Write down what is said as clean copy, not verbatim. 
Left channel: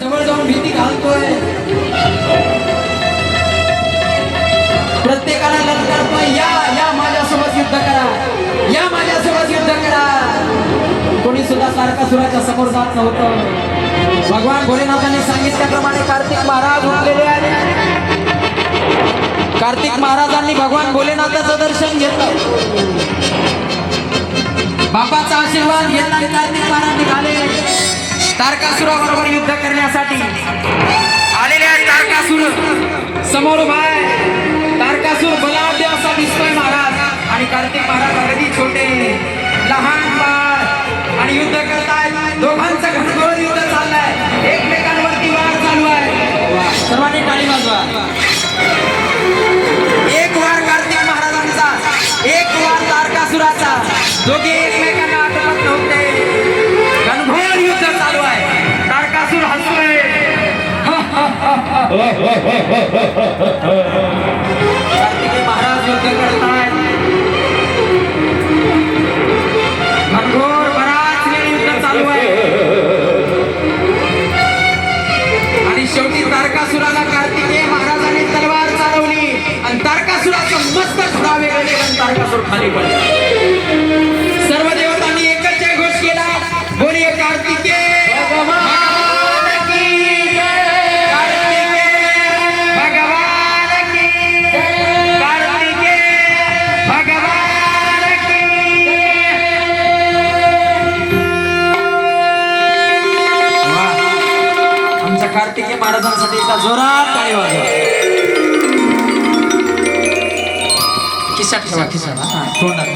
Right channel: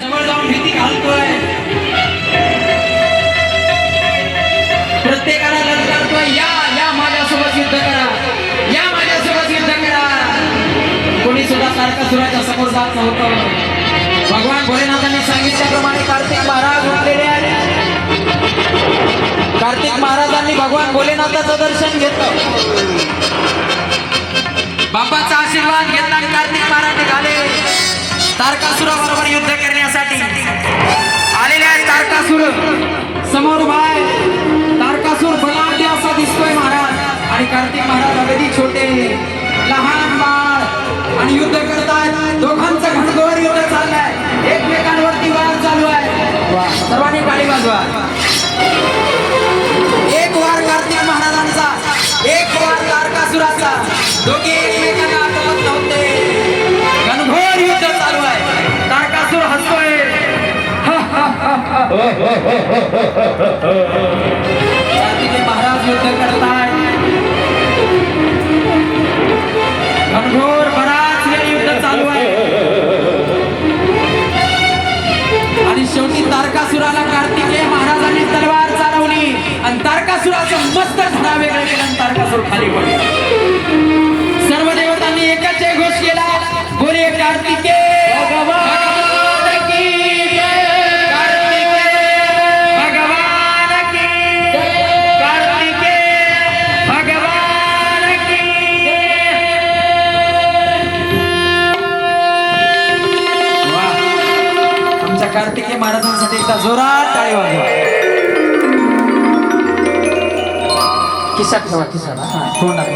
जवळ जाऊन भीती घालतोय, प्रत्येकाला ललकारतोय, या या माझ्यासोबत युद्ध करा, या माझ्यासोबत युद्ध करा. कोणी सुद्धा तारकासुराच्या समोर जात नव्हतं. भगवान भोलेनाथांनी सांगितल्याप्रमाणे कार्तिक महाराज उठलेले आहेत. कार्तिक महाराजांनी भगवान भोलेनाथाचं दर्शन घेतलं, बापाचा आशीर्वाद घेतला आणि कार्तिक महाराज निघाले तारकासुराबरोबर युद्ध करण्यासाठी. आलेले आहेत तारकासुर, समोर उभा आहे तारकासुर, बलाढ्य असा दिसतोय महाराज, आणि कार्तिक महाराज अगदी छोटे लहान बाळ, आणि युद्ध करतायत. दोघांचं घनघोर युद्ध चाललंय, एकमेकांवरती वार चालू आहे. सर्वांनी टाळी वाजवा. एक वार कार्तिक महाराजांचा, एक वार तारकासुराचा, दोघे एकमेकांना आक्रमण नव्हते. घनघोर युद्ध चालू आहे. तारकासुर हसतोय, कार्तिक महाराज युद्ध करतायत. घनघोर बराच वेळ युद्ध चालू आहे, आणि शेवटी तारकासुराला कार्तिकेय महाराजांनी तलवार चालवली आणि तारकासुराचं मस्तक वेगळं केलं आणि तारकासुर खाली पडला. सर्व देवतांनी एकच घोष केला, बोलिये कार्तिकेय भगवान की जय, कार्तिकेय भगवान की जय, कार्तिकेय भगवान की जय. वाह, आमच्या कार्तिकेय महाराजांसाठी जोरात टाळी वाजवा. खिशात ठेवा, खिशात, तोंडात